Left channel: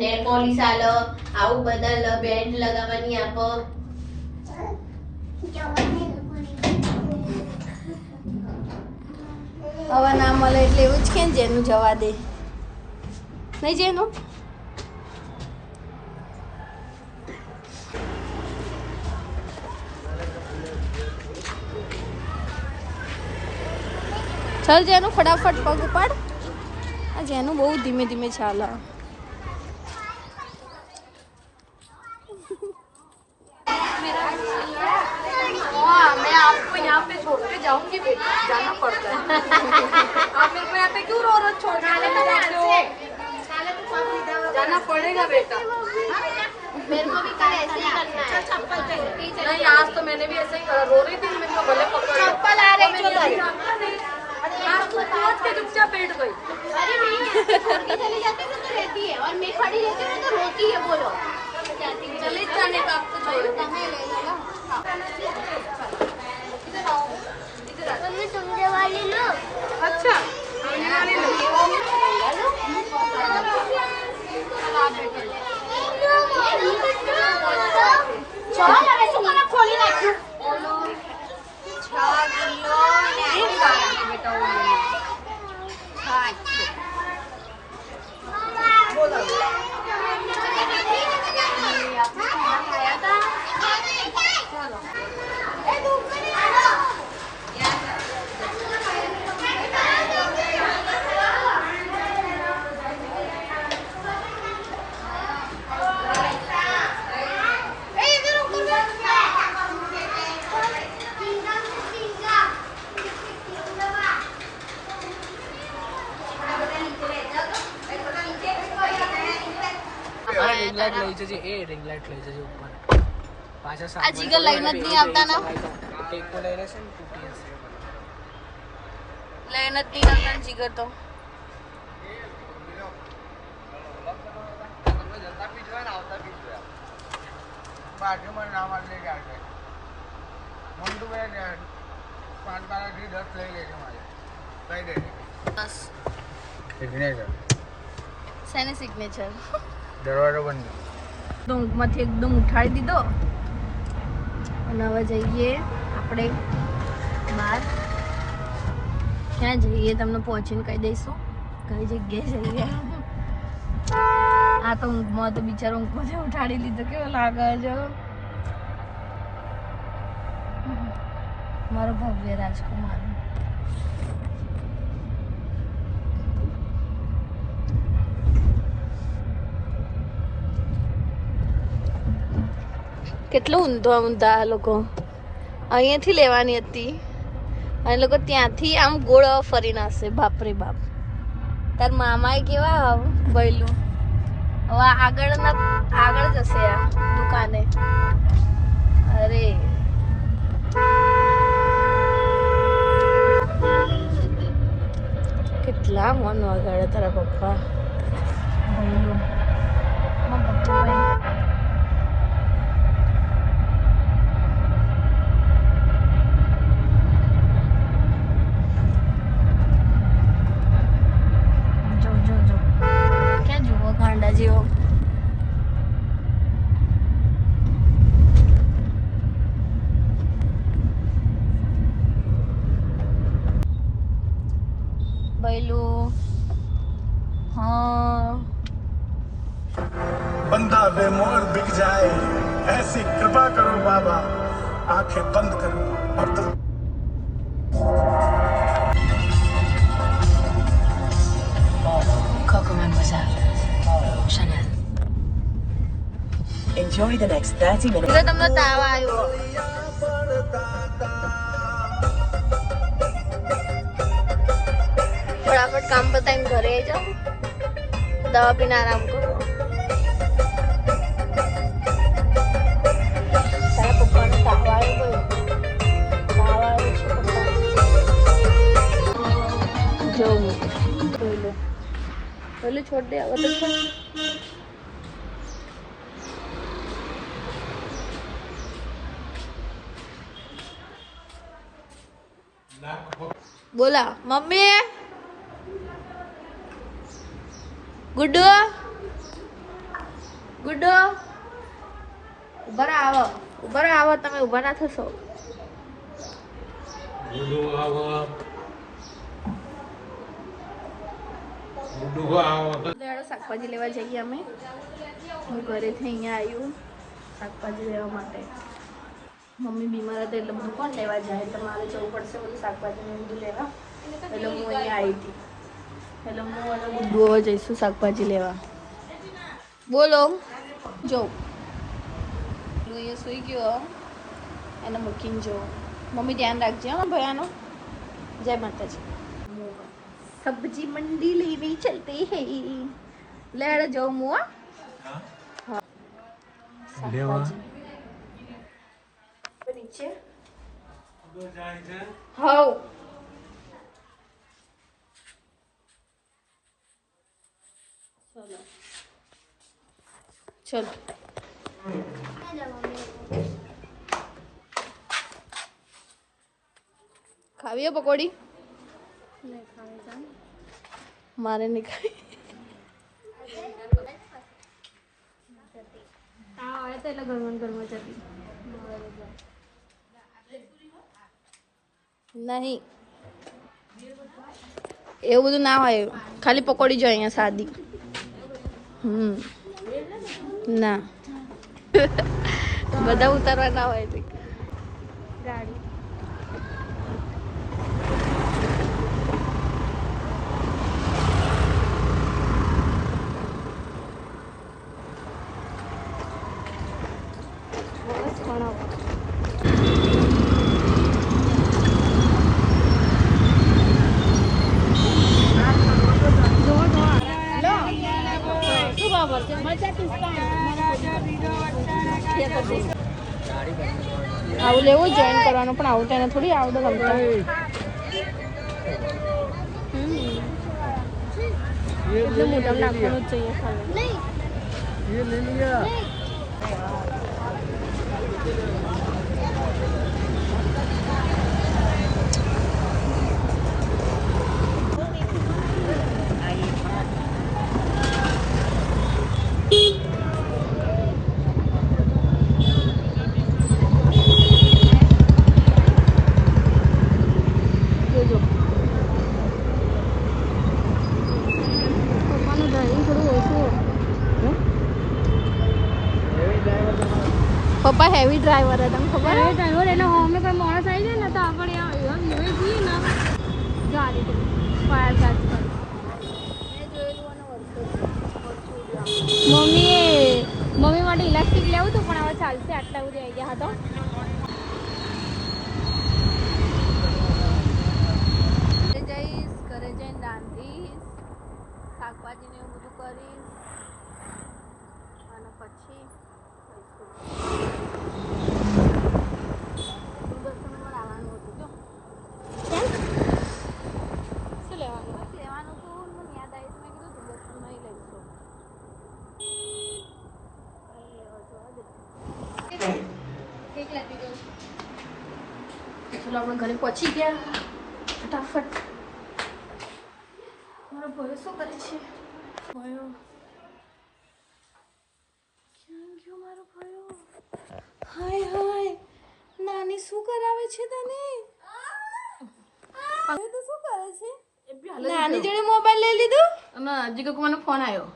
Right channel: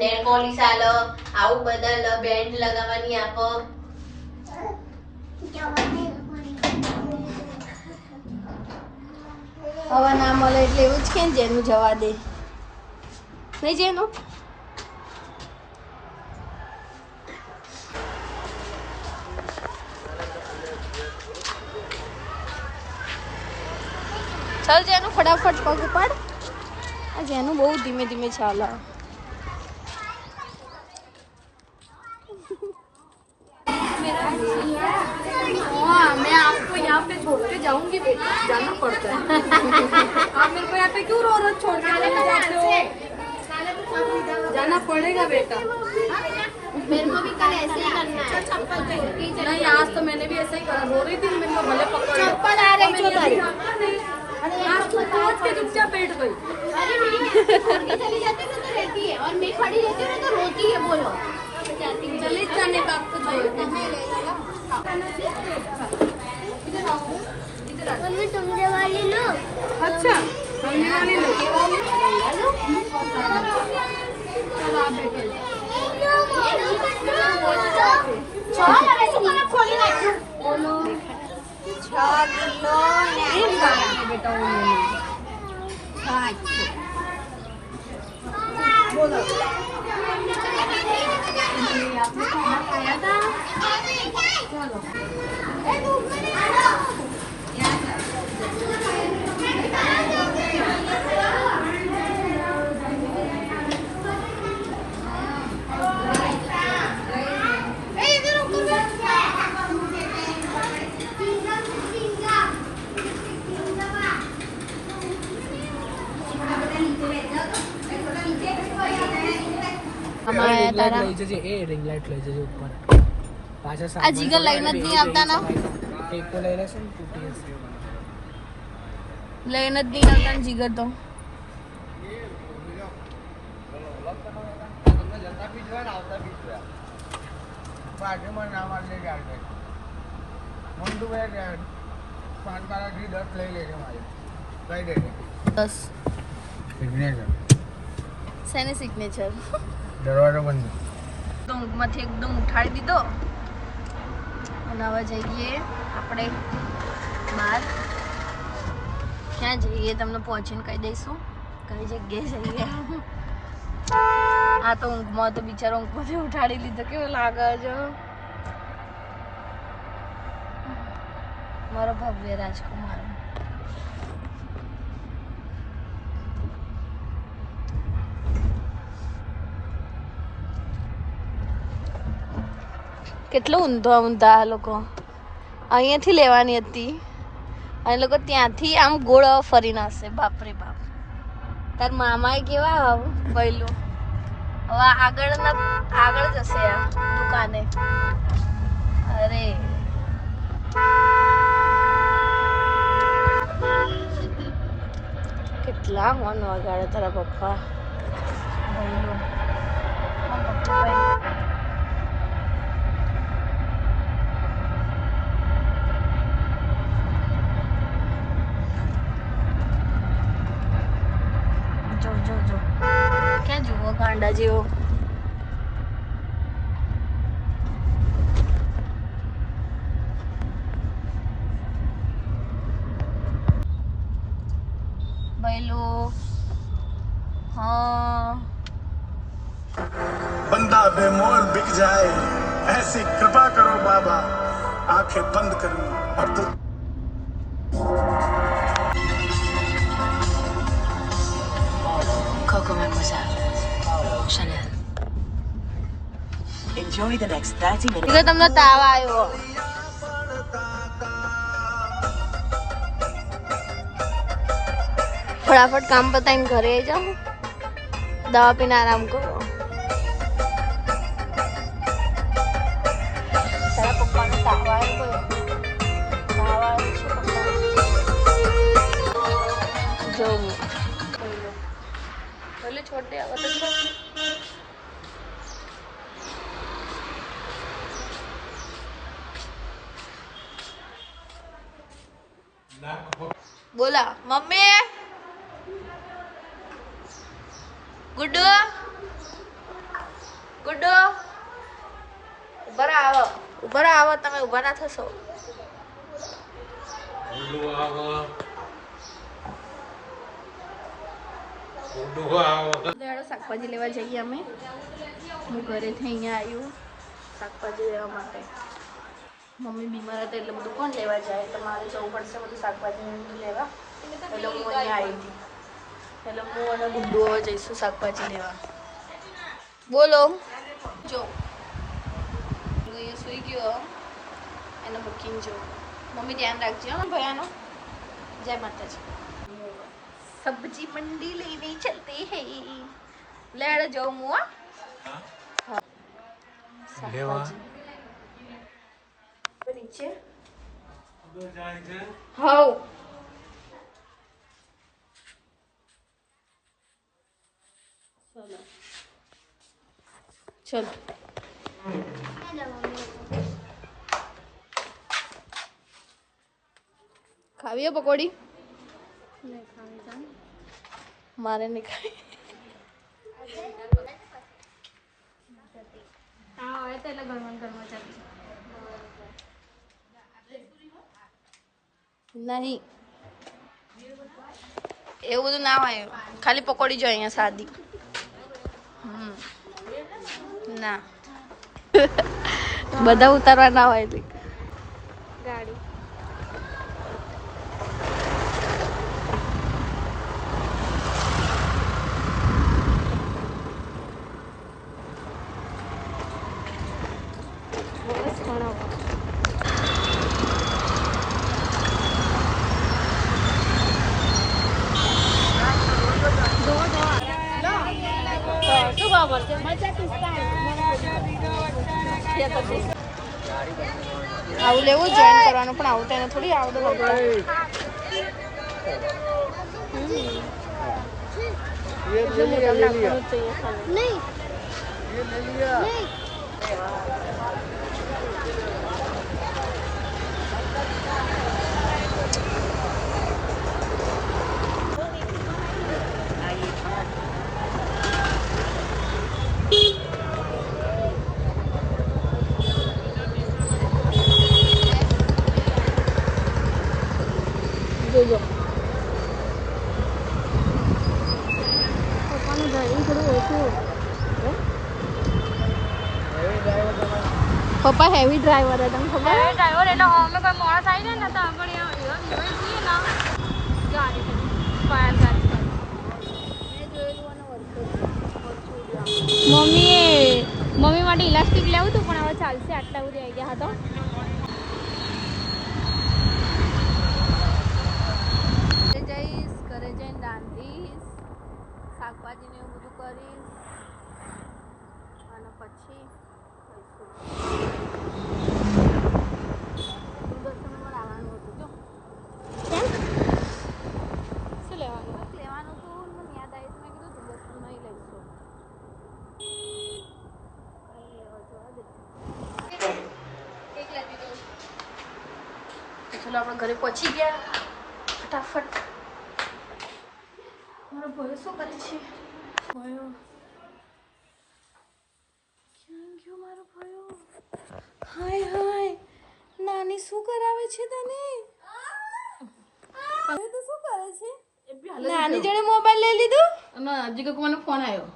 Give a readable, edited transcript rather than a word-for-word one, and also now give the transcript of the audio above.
Nail polish આલો, આવું બધા બેન્ડ લગાવવાની આપો. હવે ના મળે એટલે એવું જ કે જેનું જવા દે. થઈ જાય નો चल जेनु फटाफट पग पर जेनु बहुत धीमे धीमे चाला. हाँ मैं आपको यहाँ पे छोड़ के जाऊंगी बेटा, जाना पड़ता है. आप मेरे को यहाँ पे क्यों रो छोड़ के जाते हो? जाना पड़ेगा बेटा. मेरे को भी कल ऐसे ही करना है. नहीं आज तो मैंने भी ऐसे ही करा, रो रही थी मेरे को गलत चप्पल आ रही थी. आज के चुपचाप बैठ गई. अरे नहीं चली जाती तो रहती है और मैं खड़ी रहती हूँ तो रोती है. बोलो चले जाने का आपको छोड़ तुम्हें ले लेगा. मम्मी तुम ये वाली लो. अच्छा हमने वाली लो. चल आप बैठो. रिंग लाइट लई जजे ऊपर पाछा सामने आजकल लई एक को लई लेसन टूटीएस લઈને જ નહીં આવતા જીગર તો જતા બી જોયા ને આવતા બી જોયા બાજુમાં નામ લઈ જાય મોંડું બે 5 તારાથી 10 લઈ લેશે મારી કઈ દે 10 સિગ્નેચર શેની સિગ્નેચર દરવાજો બંધ તો ઊંઘમાંથી એકદમ ઉઠાડી દીધો અને હવે જઈએ આપણે બહાર. ક્યાં જઈએ તમને પહોંચીને કહી દઈશું કઈ જગ્યાએ જઈએ. આ તો ઊંઘમાં તો બિચારો ઊંઘમાંથી ઉઠાડી લીધો. કેવો લાગે છે મારો ભવ્ય રાજકુમાર. કેટલો ઊંધો ઊંધા આ લોકો. અહીંયાથી લેવાની હતી અને લોકો ત્યાંથી આમ ગોળ ફરીને આવશે. બાપરે બાપ. તાર મામાએ કેવા બૈલું હવે આગળ જશે આ દુકાને. અરે કેટલા મન વગાડે તારા પપ્પા. બૈલું જેવો. बैलू हाँ बंदा बेमोल बिक जाए ऐसी कृपा करो बाबा आंखें बंद कर और तो Enjoy the next 30 minutes. તમને તાવ આવ્યો. फटाफट काम बताएंगे घरे जाओ दवा पीने आराम करो. तारा पप्पा ने ताव આવ્યો जो बोलो छोड़ दे अब तो छोड़. बोला मम्मी गुड्डू ગુડ્ડો ઉભા આવો તમે ઉભા ના થશો. શાકભાજી લેવા જઈએ અમે. હું ઘરેથી અહીંયા આવ્યું શાકભાજી લેવા માટે. મમ્મી બીમાર હતા એટલે બધું કોણ લેવા જાય, તો મારે જવું પડશે બધું શાકભાજી ને બધું લેવા. એટલે હું અહીંયા આવી હતી. એટલે હું અને ગુડ્ડુ હવે જઈશું શાકભાજી લેવા. બોલો જો અહીંયા સુઈ ગયો એને મૂકીને જો. મમ્મી ધ્યાન રાખજો હા ભયાનો. જય માતાજી. सब्जी मंडी लेने चलते हैं. लेड़ जाओ मुआ લેવા नीचे हाँ चलो खावी पकौड़ी मारे नहीं खाई. नहीं એવું બધું ના હોય, ખાલી પકોડી જો અહીંયા સાદી. ના બધા ઉતારવા ના હોય ગાડી. આવું લેવું જોઈન કરવાનું, પણ આવું તો એને થોડી આવડે રમતા. જોજો પપ્પા હેવી ડ્રાઈવર હતા, ખબર? હેવી ડ્રાઈવર એટલે અમે કોઈ મોડા થઈ જાય ને તો આપણે જઈએ ને ગાડી ફાયર ગાડી. મમ્મી માટે ઇલાસ્ટિક લેવું હતું પણ હવે ચાલશે, આટલા સુધી આવી ગયા હતા. જઈશ ઘરે જઈને રાંધીશ, શાકભાજી ને એવું બધું કરીશ અને પછી દૂરદર્શનમાં આવવાનું હતું. જો શું લેવાનું હતું મને યાદ આવ્યું, મેં કીધું દૂરદર્શનમાં લઈશું. ચલો આપણે ઘરે પહોંચી ગયા ફટાફટ. મારો ભયો શું કરે છે? ભયો ક્યાં ગયો મારો ભયો? હાય હાય નાની શું કરાવે છે તને? હવે તો શું કરે છે? નાની જોડે મોબાઈલ લઈ લીધો અને હજી કોઈનો ફોન આવ્યો.